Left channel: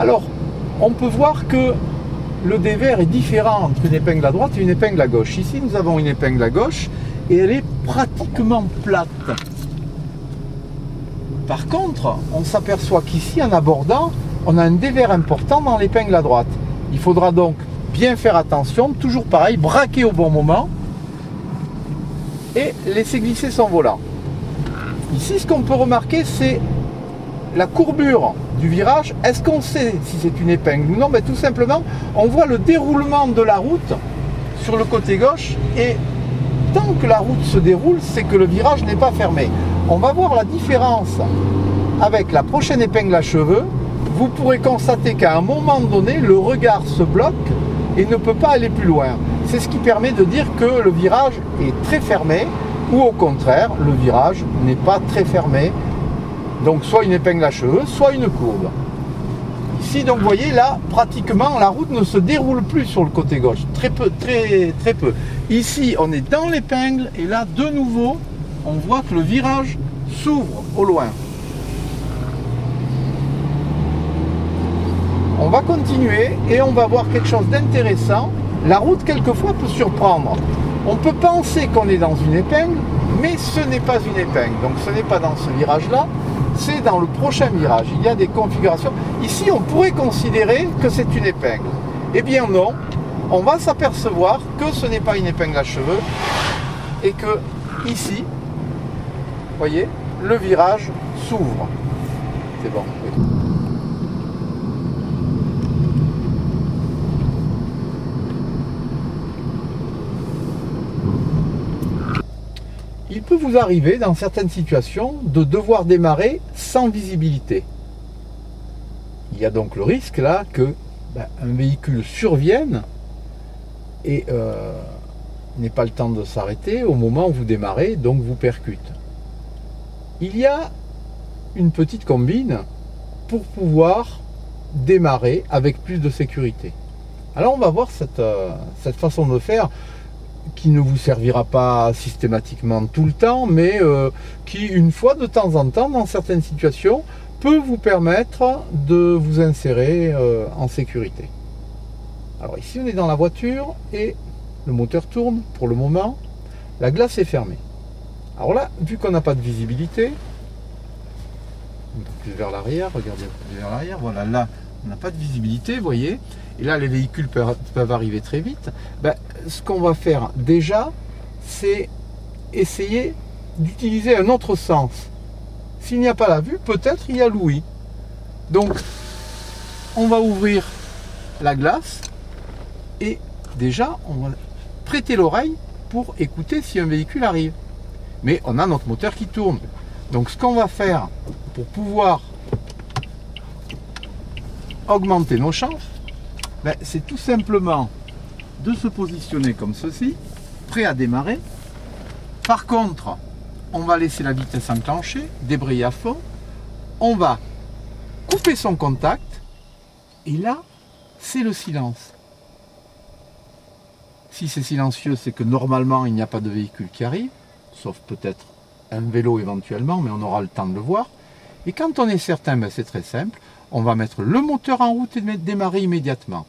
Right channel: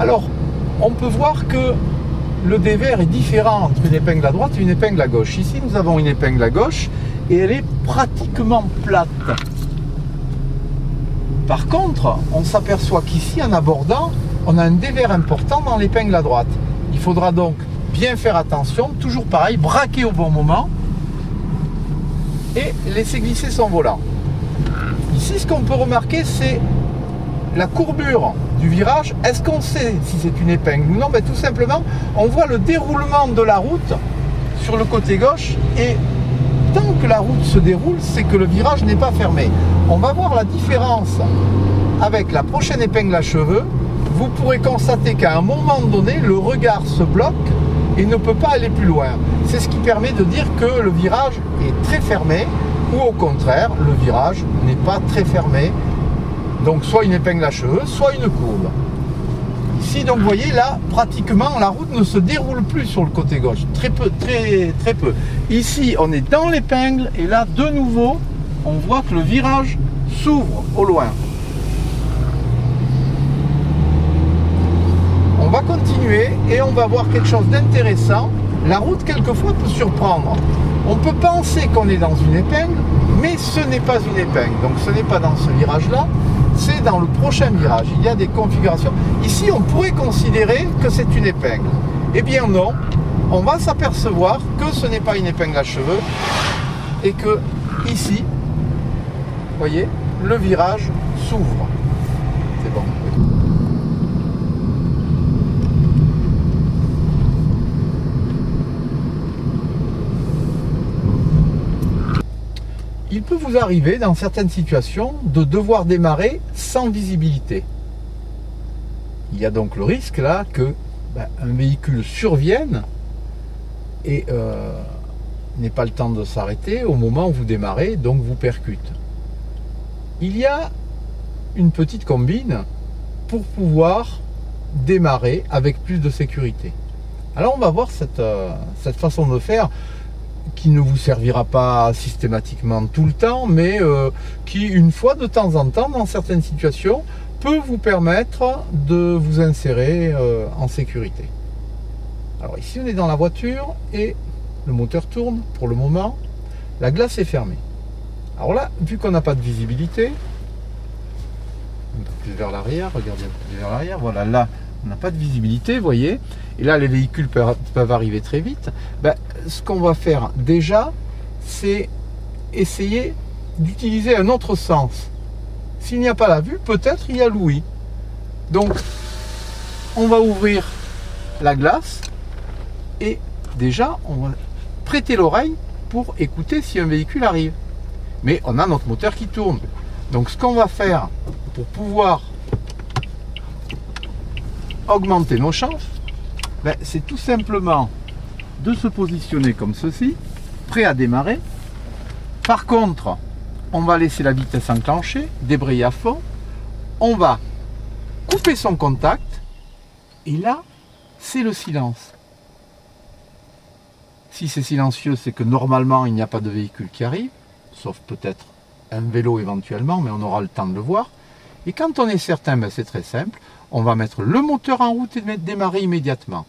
Alors, on peut voir que le dévers est différent entre une épingle à droite et une épingle à gauche. Ici, nous avons une épingle à gauche et elle est pratiquement plate. Par contre, on s'aperçoit qu'ici, en abordant, on a un dévers important dans l'épingle à droite. Il faudra donc bien faire attention, toujours pareil, braquer au bon moment et laisser glisser son volant. Ici, ce qu'on peut remarquer, c'est la courbure du virage. Est-ce qu'on sait si c'est une épingle ou non? Tout simplement, on voit le déroulement de la route sur le côté gauche et tant que la route se déroule, c'est que le virage n'est pas fermé. On va voir la différence avec la prochaine épingle à cheveux. Vous pourrez constater qu'à un moment donné, le regard se bloque et ne peut pas aller plus loin. C'est ce qui permet de dire que le virage est très fermé ou au contraire, le virage n'est pas très fermé. Donc soit une épingle à cheveux, soit une courbe. Ici, donc vous voyez, là, pratiquement, la route ne se déroule plus sur le côté gauche. Très peu, très peu. Ici, on est dans l'épingle et là, de nouveau, on voit que le virage s'ouvre au loin. On va continuer et on va voir quelque chose d'intéressant. La route, quelquefois, peut surprendre. On peut penser qu'on est dans une épingle, mais ce n'est pas une épingle. Donc ce n'est pas dans ce virage-là, c'est dans le prochain virage. Il y a des configurations. Ici, on pourrait considérer que c'est une épingle. Eh bien non, on va s'apercevoir que ce n'est pas une épingle à cheveux et que ici, vous voyez, le virage s'ouvre. C'est bon. Oui. Il peut vous arriver dans certaines situations de devoir démarrer sans visibilité. Il y a donc le risque là que un véhicule survienne et n'ait pas le temps de s'arrêter au moment où vous démarrez, donc vous percute. Il y a une petite combine pour pouvoir démarrer avec plus de sécurité. Alors on va voir cette façon de faire qui ne vous servira pas systématiquement tout le temps, mais qui, une fois de temps en temps, dans certaines situations, peut vous permettre de vous insérer en sécurité. Alors ici, on est dans la voiture et le moteur tourne pour le moment. La glace est fermée. Alors là, vu qu'on n'a pas de visibilité, un peu plus vers l'arrière, regardez un peu plus vers l'arrière, voilà, là, on n'a pas de visibilité, vous voyez, et là les véhicules peuvent arriver très vite. Ce qu'on va faire déjà, c'est essayer d'utiliser un autre sens. S'il n'y a pas la vue, peut-être il y a l'ouïe. Donc, on va ouvrir la glace et déjà, on va prêter l'oreille pour écouter si un véhicule arrive. Mais on a notre moteur qui tourne. Donc, ce qu'on va faire pour pouvoir augmenter nos chances, c'est tout simplement de se positionner comme ceci, prêt à démarrer. Par contre, on va laisser la vitesse enclenchée, débrayer à fond, on va couper son contact, et là, c'est le silence. Si c'est silencieux, c'est que normalement, il n'y a pas de véhicule qui arrive, sauf peut-être un vélo éventuellement, mais on aura le temps de le voir. Et quand on est certain, c'est très simple, on va mettre le moteur en route et démarrer immédiatement.